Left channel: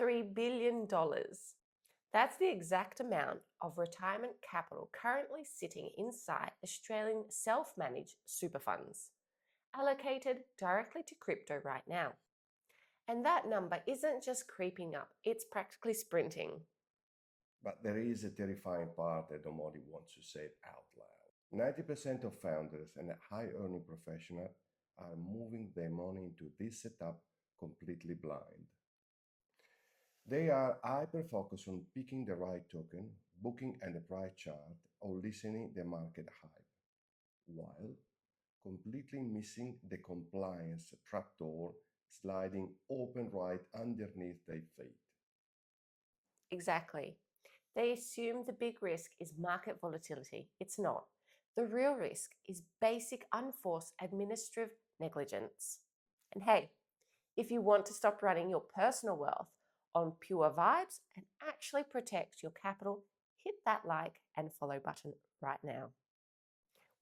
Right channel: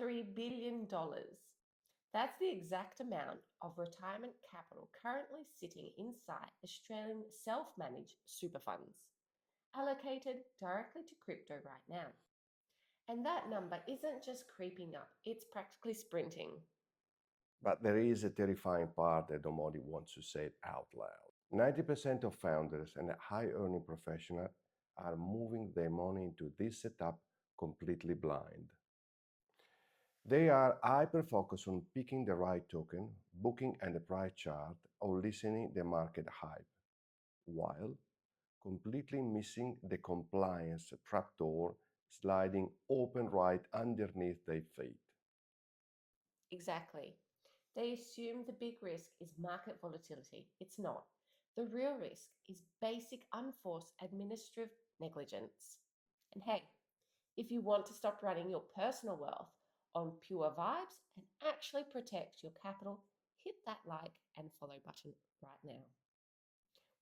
$3 billion. That's the exact amount of retirement capital currently sitting inside Australian self-managed super funds, allocated directly to crypto right now. And that number isn't just creeping up, it's practically sprinting. But there is a terrifying part that nobody wants to say it out loud. 90% of founders and high earning professionals are moving their money into this setup completely blind. They are hyper-focused on picking the right token, booking and the price chart, or listening the market hype, while completely missing the compliance trapdoor sliding open right underneath their feet. Exactly. They assume the big risk is market volatility. It's not. The real risk is basic unforced administrative negligence. And hey, if you want to stop running your personal wealth on pure vibes and actually protect your capital, hit that like and follow button right now.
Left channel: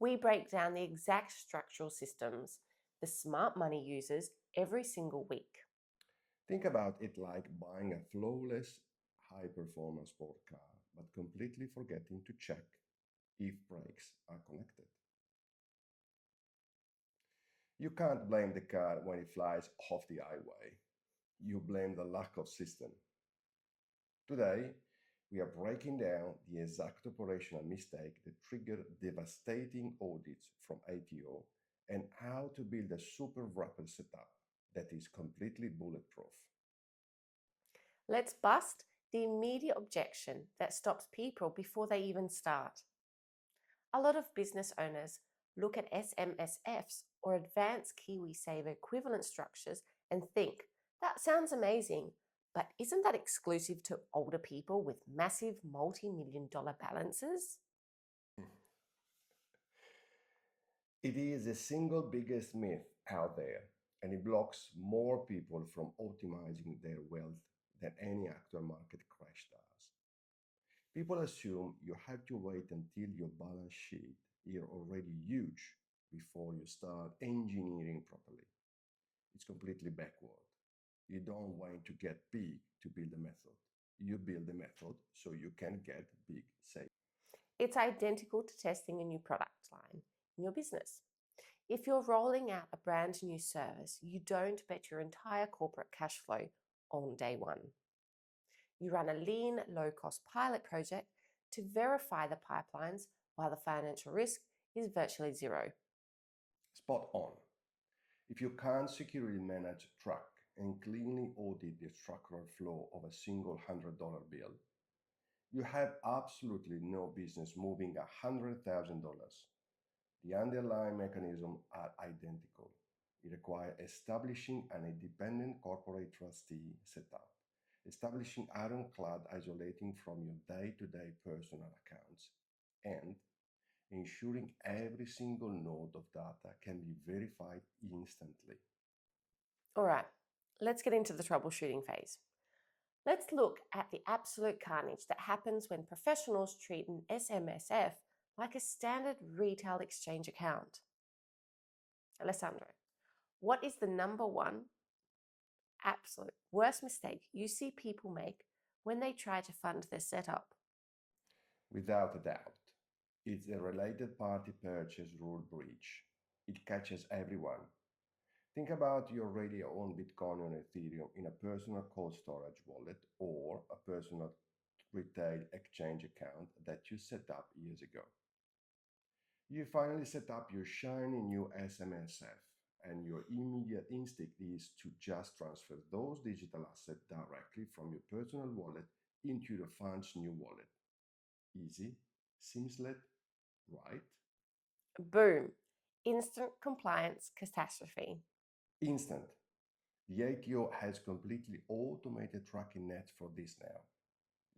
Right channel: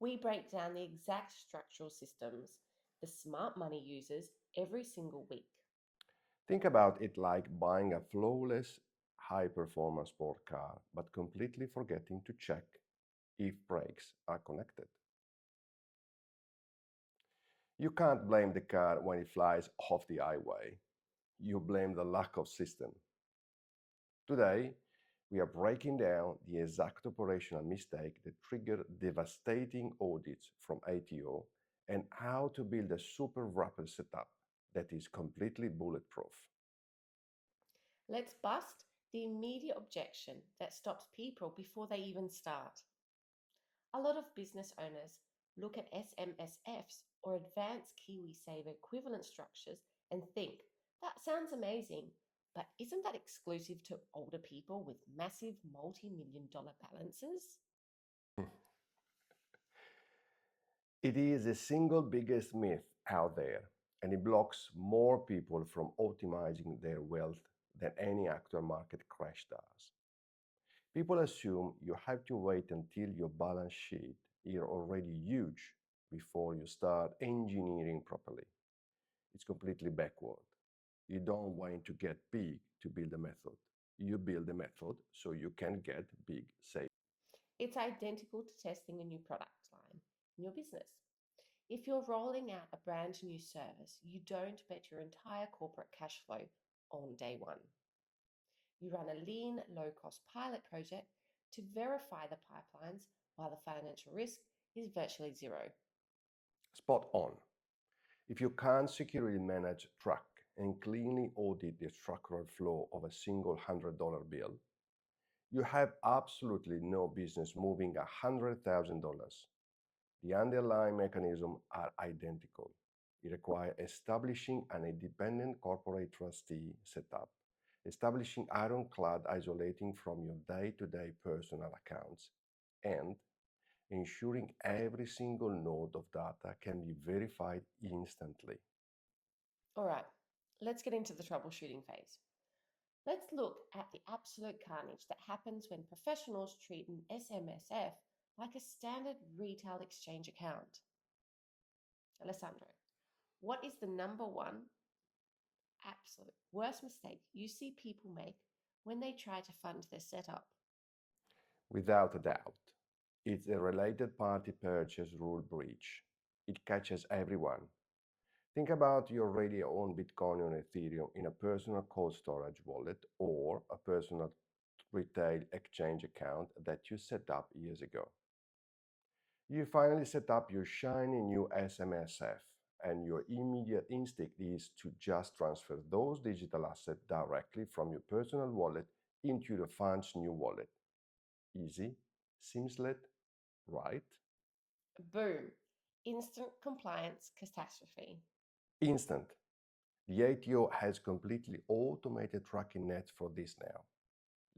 We break down the exact structural systems the smart money uses every single week. Think about it like buying a flawless, high performance sport car, but completely forgetting to check if brakes are connected. You can't blame the car when it flies off the highway. You blame the lack of system. Today, we are breaking down the exact operational mistake that triggered devastating audits from ATO and how to build a super rapid setup that is completely bulletproof. Let's bust the immediate objection that stops people before they even start. A lot of business owners look at SMSFs or advanced KiwiSaver equivalent structures and think, that sounds amazing, but isn't that exclusive to older people with massive multi-million-dollar balances? It is the single biggest myth out there, and it blocks more people from optimizing their wealth than any actual market crash does. People assume you have to wait until your balance sheet is already huge before you start engineering properly. It's completely backward. You don't wait to get big to build a method. You build a method so you can get big savings. It's identical to testing a new product line in your business. If you're rolling out a brand new service, you don't bet your entire corporate cash flow on day one. You run a lean, low-cost pilot project to verify the pipelines while the financial risk is virtually zero. Spot on. If you can't securely manage, track, and cleanly audit the structural flow of a single $100 bill, you have absolutely no business moving $100,000. The underlying mechanisms are identical. It requires establishing an independent corporate trustee setup, establishing ironclad isolating from your day-to-day personal accounts, and ensuring every single node of data can be verified instantly. All right, let's get into the troubleshooting phase. Let's look at the absolute carnage that happens when professionals treat an SMSF like a standard retail exchange account. Alessandro, what is the number one absolute worst mistake you see people make when they try to fund their setup? Without a doubt, it's a related party purchase rule breach. It catches everyone. Think about your already own Bitcoin or Ethereum in a personal cold storage wallet or a personal retail exchange account that you set up years ago. You finally set up your shiny new SMSF, and your immediate instinct is to just transfer those digital assets directly from your personal wallet into the fund's new wallet. Easy, seamless, right? Boom, instant compliance catastrophe. Instant. The ATO has completely automated tracking nets for this now.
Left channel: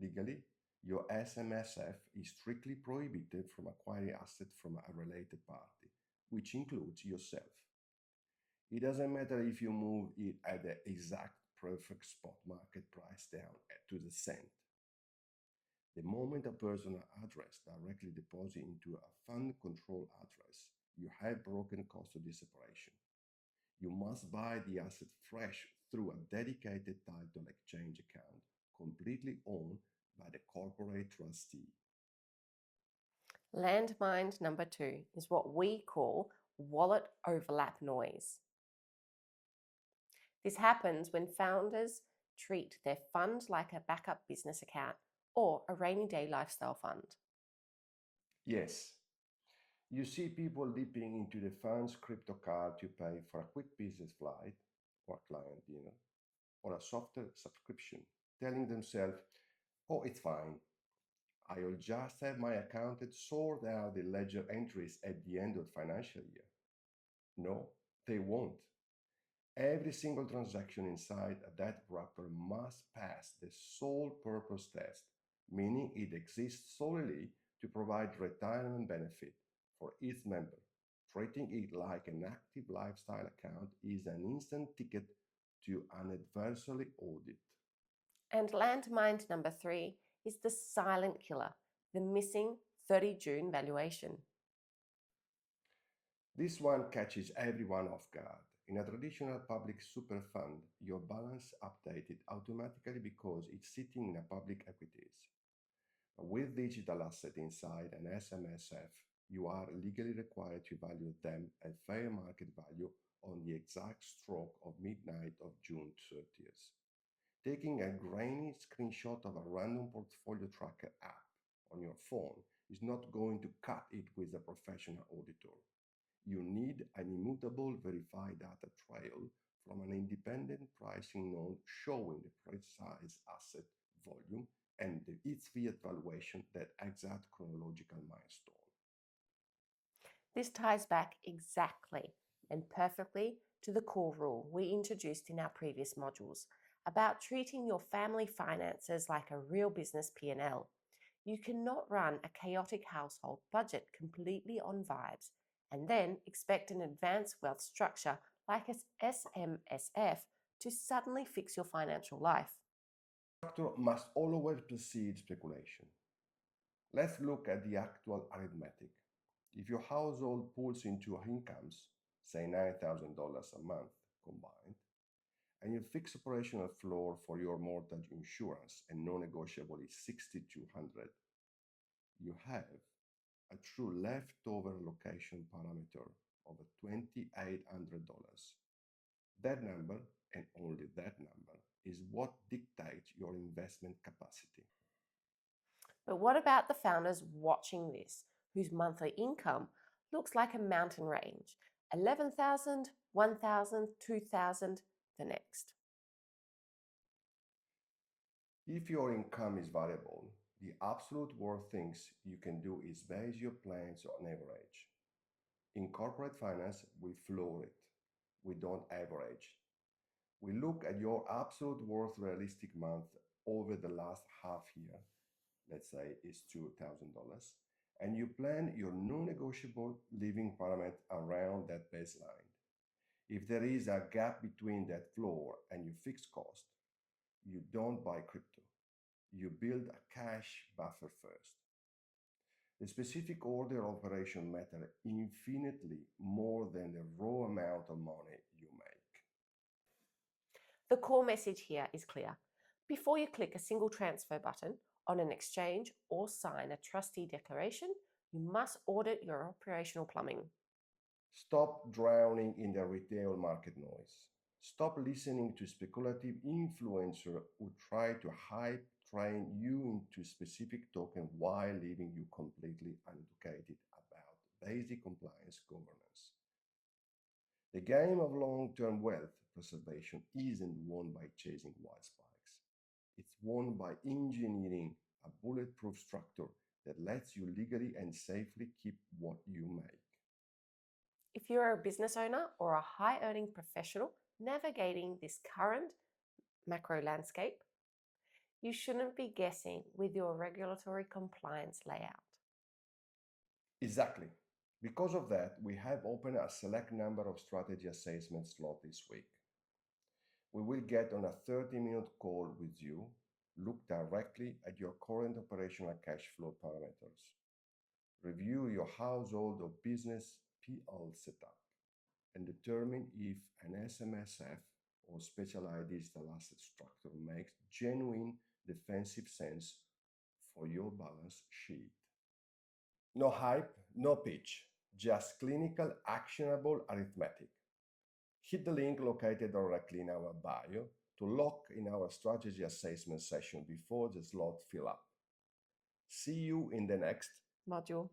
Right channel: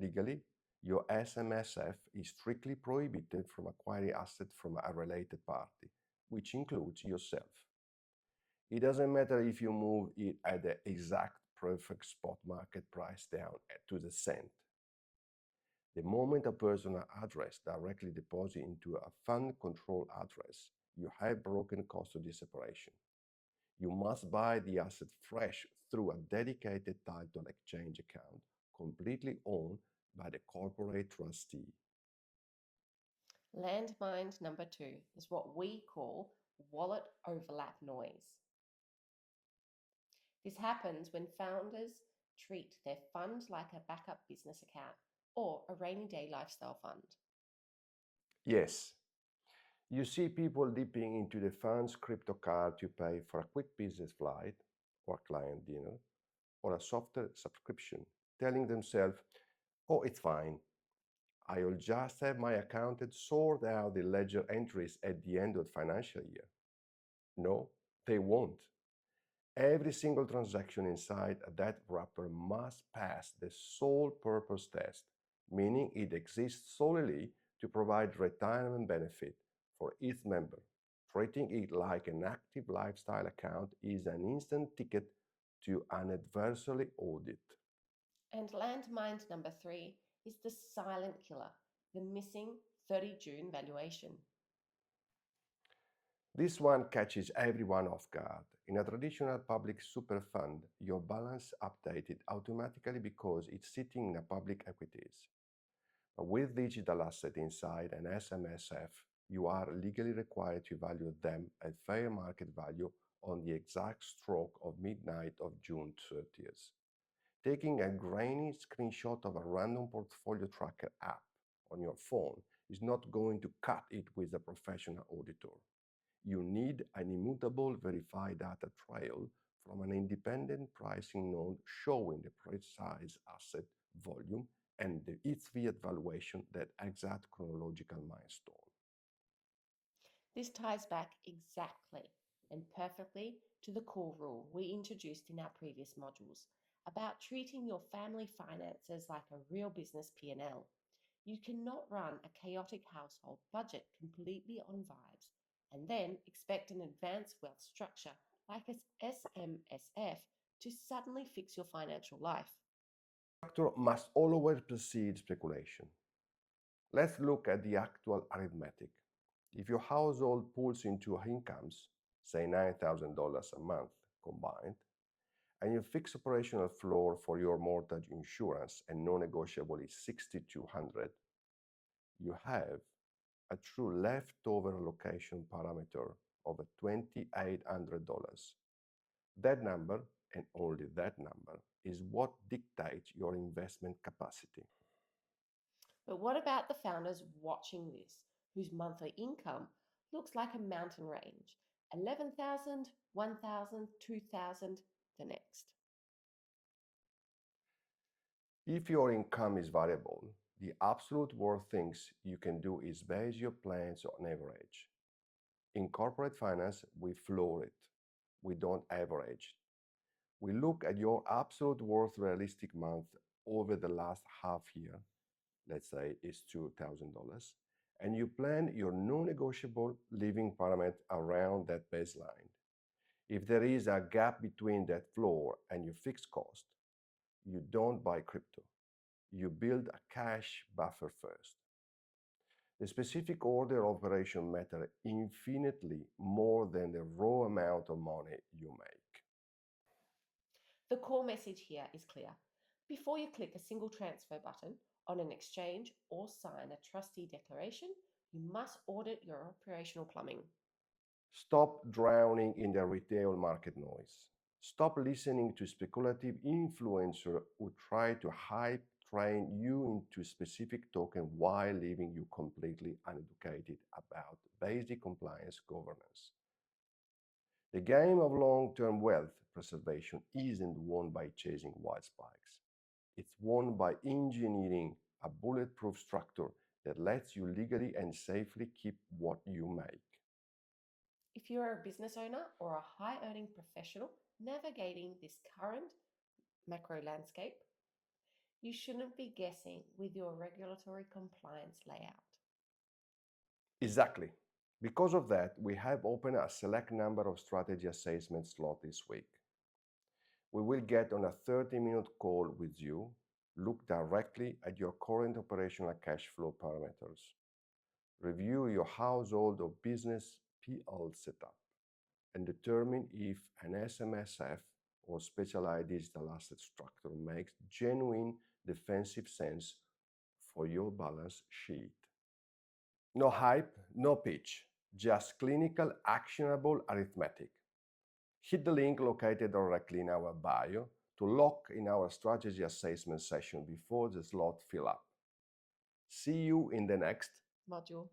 Legally, your SMSF is strictly prohibited from acquiring assets from a related party, which includes yourself. It doesn't matter if you move it at the exact perfect spot market price down to the cent. The moment a personal address directly deposits into a fund control address, you have broken custody separation. You must buy the asset fresh through a dedicated title exchange account, completely owned by the corporate trustee. Landmine number 2 is what we call wallet overlap noise. This happens when founders treat their fund like a backup business account or a rainy day lifestyle fund. Yes, you see people dipping into the fund's crypto card to pay for a quick business flight or client dinner or a software subscription, telling themselves, oh, it's fine. I'll just have my accountant sort out the ledger entries at the end of the financial year. No, they won't. Every single transaction inside that wrapper must pass the sole purpose test, meaning it exists solely to provide retirement benefit for its member. Treating it like an active lifestyle account is an instant ticket to an adversary audit. And landmine number 3 is the silent killer, the missing 30 June valuation. This one catches everyone off guard. In a traditional public super fund, your balance updated automatically because it's sitting in a public equities. But with digital asset inside an SMSF, you are legally required to value them at fair market value on the exact stroke of midnight of June 30th. Taking a grainy screenshot of a random portfolio tracker app on your phone is not going to cut it with a professional auditor. You need an immutable verified data trail from an independent pricing node showing the precise asset volume and its fiat valuation, that exact chronological milestone. This ties back exactly and perfectly to the core rule we introduced in our previous modules about treating your family finances like a real business P&L. You cannot run a chaotic household budget completely on vibes and then expect an advanced wealth structure like an SMSF to suddenly fix your financial life. Structure must always precede speculation. Let's look at the actual arithmetic. If your household pulls into incomes, say $9,000 a month combined, and your fixed operational floor for your mortgage insurance and non-negotiable is 6,200, you have a true leftover allocation parameter of $2,800. That number, and only that number, is what dictates your investment capacity. But what about the founders watching this, whose monthly income looks like a mountain range? 11,000, 1,000, 2,000, the next. If your income is variable, the absolute worst things you can do is base your plans on average. In corporate finance, we floor it. We don't average. We look at your absolute worth realistic month over the last half year, let's say is $2,000, and you plan your non-negotiable living parameter around that baseline. If there is a gap between that floor and your fixed cost, you don't buy crypto. You build a cash buffer first. The specific order of operation matter infinitely more than the raw amount of money you make. The core message here is clear. Before you click a single transfer button on an exchange or sign a trustee declaration, you must audit your operational plumbing. Stop drowning in the retail market noise. Stop listening to speculative influencers who try to hype train you into specific token while leaving you completely uneducated about basic compliance governance. The game of long-term wealth preservation isn't won by chasing wild spikes. It's won by engineering a bulletproof structure that lets you legally and safely keep what you make. If you're a business owner or a high-earning professional navigating this current macro landscape, you shouldn't be guessing with your regulatory compliance layout. Exactly. Because of that, we have opened a select number of strategy assessment slots this week. We will get on a 30-minute call with you, look directly at your current operational cash flow parameters, review your household or business PL setup, and determine if an SMSF or specialized digital asset structure makes genuine defensive sense for your balance sheet. No hype, no pitch, just clinical, actionable arithmetic. Hit the link located directly in our bio to lock in our strategy assessment session before the slot fill up. See you in the next module.